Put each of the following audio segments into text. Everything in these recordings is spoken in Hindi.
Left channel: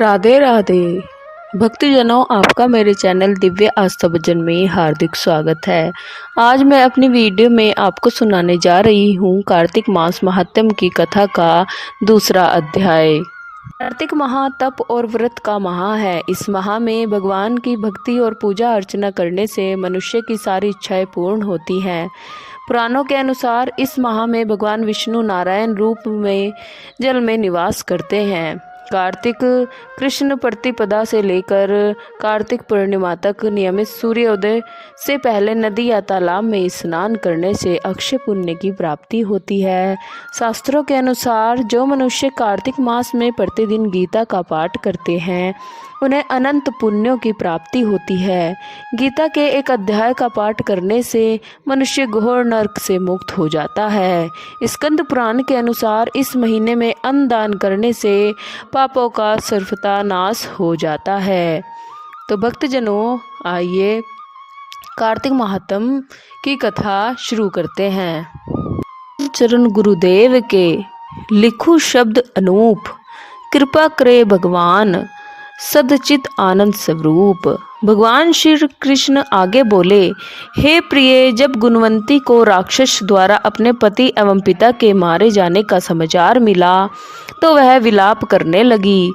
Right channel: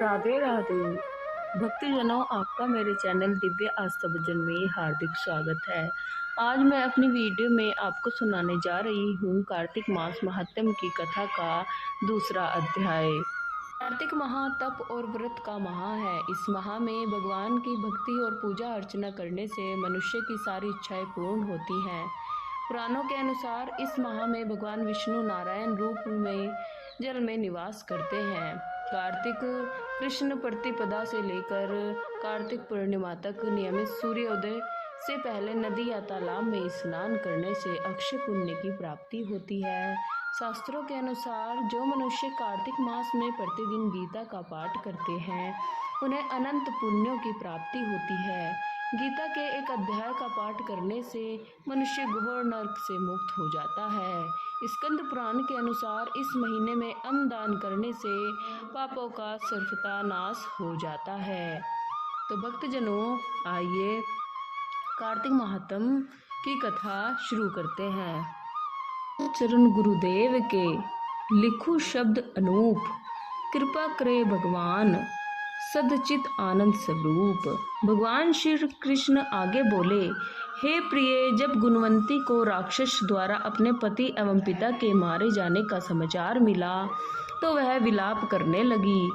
राधे राधे भक्तजनों, आपका मेरे चैनल दिव्य आस्था भजन में हार्दिक स्वागत है। आज मैं अपनी वीडियो में आपको सुनाने जा रही हूँ कार्तिक मास महात्म्य की कथा का दूसरा अध्याय। कार्तिक माह तप और व्रत का माह है। इस माह में भगवान की भक्ति और पूजा अर्चना करने से मनुष्य की सारी इच्छाएं पूर्ण होती हैं। पुराणों के अनुसार इस माह में भगवान विष्णु नारायण रूप में जल में निवास करते हैं। कार्तिक कृष्ण प्रतिपदा से लेकर कार्तिक पूर्णिमा तक नियमित सूर्योदय से पहले नदी या तालाब में स्नान करने से अक्षय पुण्य की प्राप्ति होती है। शास्त्रों के अनुसार जो मनुष्य कार्तिक मास में प्रतिदिन गीता का पाठ करते हैं उन्हें अनंत पुण्यों की प्राप्ति होती है। गीता के एक अध्याय का पाठ करने से मनुष्य घोर नरक से मुक्त हो जाता है। स्कंद पुराण के अनुसार इस महीने में अन्न दान करने से पापों का सर्वथा नाश हो जाता है। तो भक्तजनों, आइए कार्तिक महात्म्य की कथा शुरू करते हैं। चरण गुरुदेव के लिखु शब्द अनूप, कृपा करे भगवान सदचित आनंद स्वरूप। भगवान श्री कृष्ण आगे बोले, हे प्रिय, जब गुणवंती को राक्षस द्वारा अपने पति एवं पिता के मारे जाने का समाचार मिला तो वह विलाप करने लगी।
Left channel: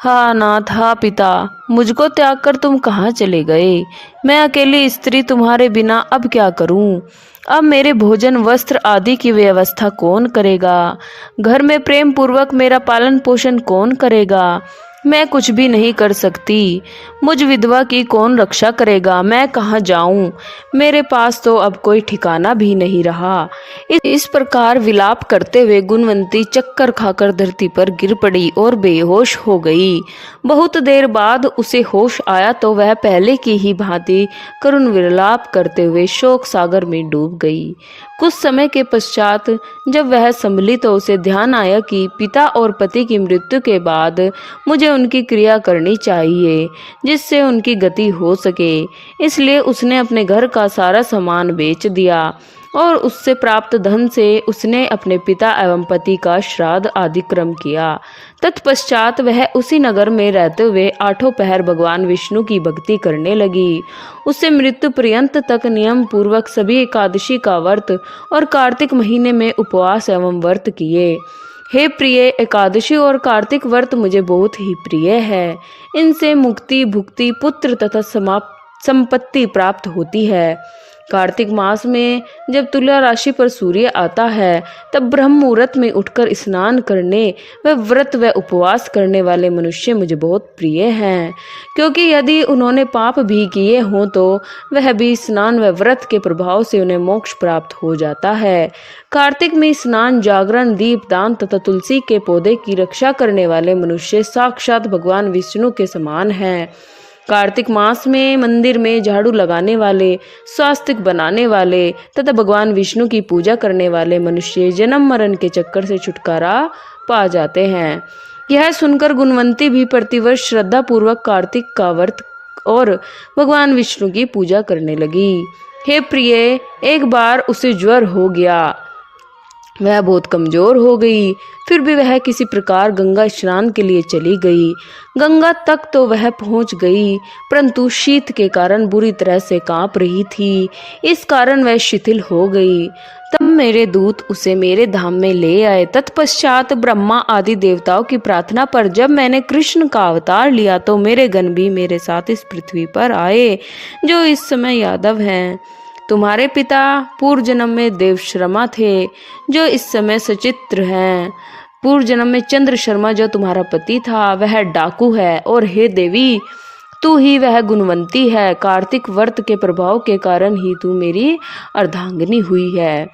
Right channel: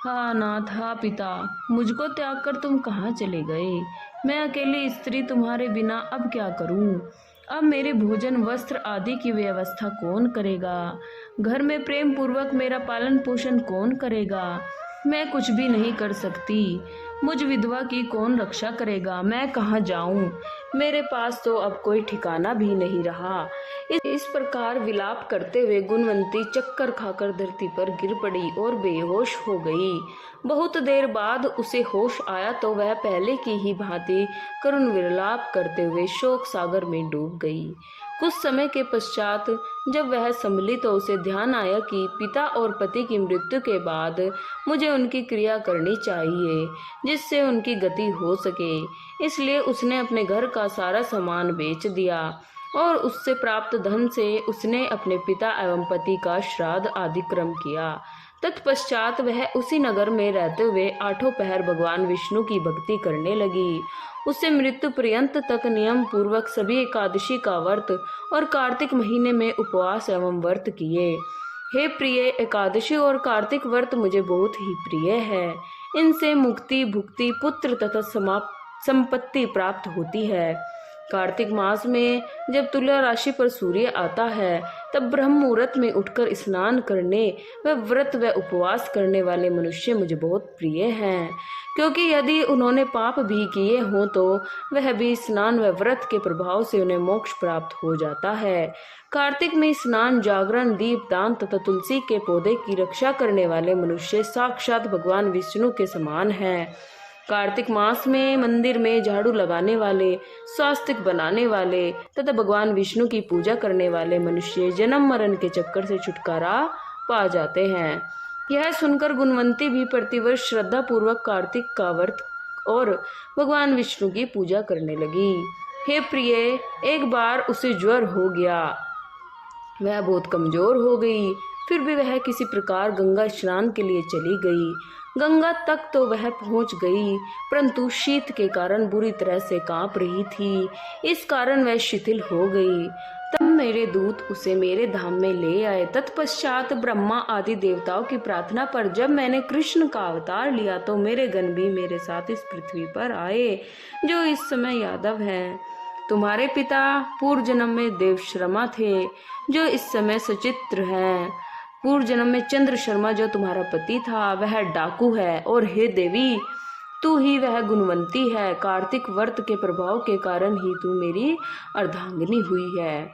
हा नाथ, हा पिता, मुझको त्याग कर तुम कहाँ चले गए? मैं अकेली स्त्री तुम्हारे बिना अब क्या करूं? अब मेरे भोजन वस्त्र आदि की व्यवस्था कौन करेगा? घर में प्रेम पूर्वक मेरा पालन पोषण कौन करेगा? मैं कुछ भी नहीं कर सकती। मुझ विधवा की कौन रक्षा करेगा? मैं कहाँ जाऊं? मेरे पास तो अब कोई ठिकाना भी नहीं रहा। इस प्रकार विलाप करते हुए गुणवंती चक्कर खाकर धरती पर गिर पड़ी और बेहोश हो गई। बहुत देर बाद उसे होश आया तो वह पहले की ही भांति करुण विलाप करते हुए शोक सागर में डूब गई। कुछ समय के पश्चात जब वह संभली तो उसे ध्यान आया कि पिता और पति की मृत्यु के बाद मुझे उनकी क्रिया करनी चाहिए जिससे उनकी गति हो सके। इसलिए उसने अपने घर का सारा सामान बेच दिया और उससे प्राप्त धन से उसने अपने पिता एवं पति का श्राद्ध आदि क्रम किया। तत्पश्चात वह उसी नगर में रहते हुए आठों पहर भगवान विष्णु की भक्ति करने लगी। उसे मृत्यु पर्यंत तक नियम पूर्वक सभी एकादशी का व्रत और कार्तिक महीने में उपवास एवं व्रत किए। हे प्रिय, एकादशी और कार्तिक व्रत मुझे बहुत ही प्रिय है। इनसे मुक्ति, भुक्ति, पुत्र तथा संपत्ति प्राप्त होती है। कार्तिक मास में जब तुला राशि पर सूर्य आता है तब ब्रह्म मुहूर्त में उठकर स्नान करने व व्रत व उपवास करने वाले मनुष्य मुझे बहुत प्रिय हैं, क्योंकि यदि उन्होंने पाप भी किए हों तो वह भी स्नान व व्रत के प्रभाव से उन्हें मोक्ष प्राप्त हो जाता है। कार्तिक में स्नान, जागरण, दीप दान तथा तुलसी के पौधे की रक्षा करने वाले मनुष्य साक्षात भगवान विष्णु के समान हैं। कार्तिक मास में मंदिर में झाड़ू लगाने वाले, स्वास्तिक बनाने वाले तथा भगवान विष्णु की पूजा करने वाले मनुष्य जन्म मरण के चक्कर से छुटकारा पा जाते हैं। यह सुनकर गुणवंती भी प्रतिवर्ष श्रद्धा पूर्वक कार्तिक का व्रत और भगवान विष्णु की पूजा करने लगी। हे प्रिय, एक बार उसे ज्वर हो गया। वह बहुत कमजोर हो गई। फिर भी वह किसी प्रकार गंगा स्नान के लिए चली गई। गंगा तक तो वह पहुंच गई, परंतु शीत के कारण बुरी तरह से कांप रही थी। इस कारण वह शिथिल हो गई। तब मेरे दूत उसे मेरे धाम में ले आए। तत्पश्चात ब्रह्मा आदि देवताओं की प्रार्थना पर जब मैंने कृष्ण का अवतार लिया तो मेरे गण भी मेरे साथ इस पृथ्वी पर आए, जो इस समय यादव हैं। तुम्हारे पिता पूर्व जन्म में देव शर्मा थे, जो इस समय सचित्र हैं। पूर्व जन्म में चंद्र शर्मा, जो तुम्हारा पति था, वह डाकू है। और हे देवी, तू ही वह गुणवंती है। कार्तिक व्रत के प्रभाव के कारण ही तू मेरी अर्धांगिनी हुई है।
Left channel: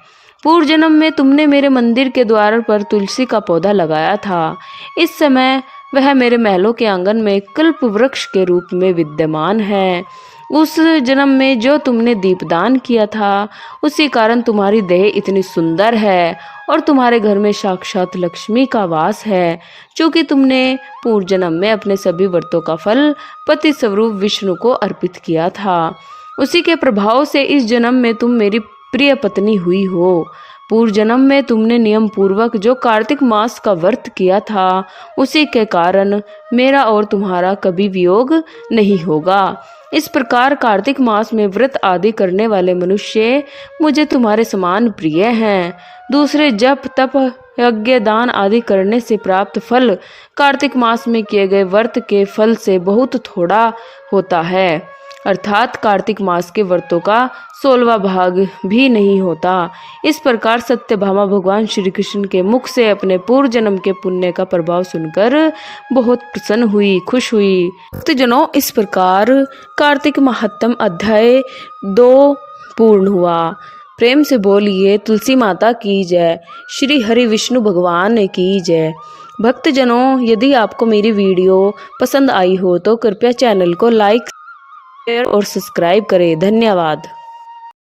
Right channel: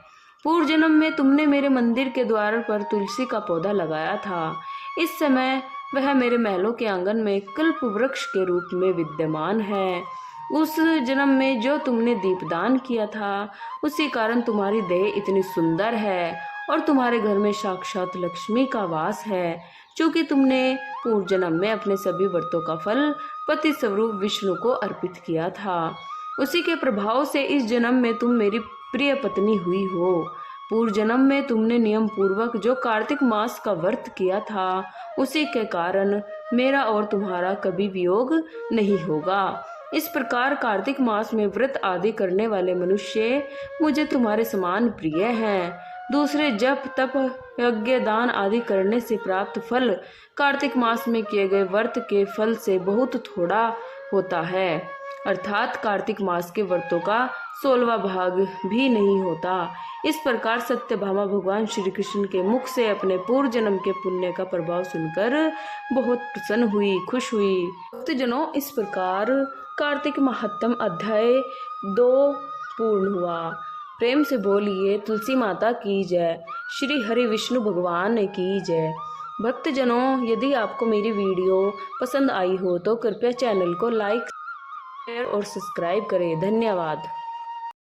पूर्व जन्म में तुमने मेरे मंदिर के द्वार पर तुलसी का पौधा लगाया था। इस समय वह मेरे महलों के आंगन में कल्प वृक्ष के रूप में विद्यमान है। उस जन्म में जो तुमने दीपदान किया था, उसी कारण तुम्हारी देह इतनी सुंदर है और तुम्हारे घर में साक्षात लक्ष्मी का वास है। चूंकि तुमने पूर्व जन्म में अपने सभी व्रतों का फल पति स्वरूप विष्णु को अर्पित किया था, उसी के प्रभाव से इस जन्म में तुम मेरी प्रिय पत्नी हुई हो। पूर्व जन्म में तुमने नियम पूर्वक जो कार्तिक मास का व्रत किया था, उसी के कारण मेरा और तुम्हारा कभी वियोग नहीं होगा। इस प्रकार कार्तिक मास में व्रत आदि करने वाले मनुष्य मुझे तुम्हारे समान प्रिय हैं। दूसरे जप तप यज्ञ दान आदि करने से प्राप्त फल कार्तिक मास में किए गए व्रत के फल से बहुत थोड़ा होता है, अर्थात कार्तिक मास के व्रतों का 16वां भाग भी नहीं होता। इस प्रकार सत्यभामा भगवान श्री कृष्ण के मुख से अपने पूर्व जन्म के पुण्य का प्रभाव सुनकर बहुत प्रसन्न हुई, खुश हुई। भक्तजनों, इस प्रकार कार्तिक महात्म अध्याय 2 पूर्ण हुआ। प्रेम से बोलिए तुलसी माता की जय, श्री हरि विष्णु भगवान की जय। भक्तजनों, यदि आपको मेरी वीडियो पसंद आई हो तो कृपया चैनल को लाइक, शेयर और सब्सक्राइब करें। धन्यवाद।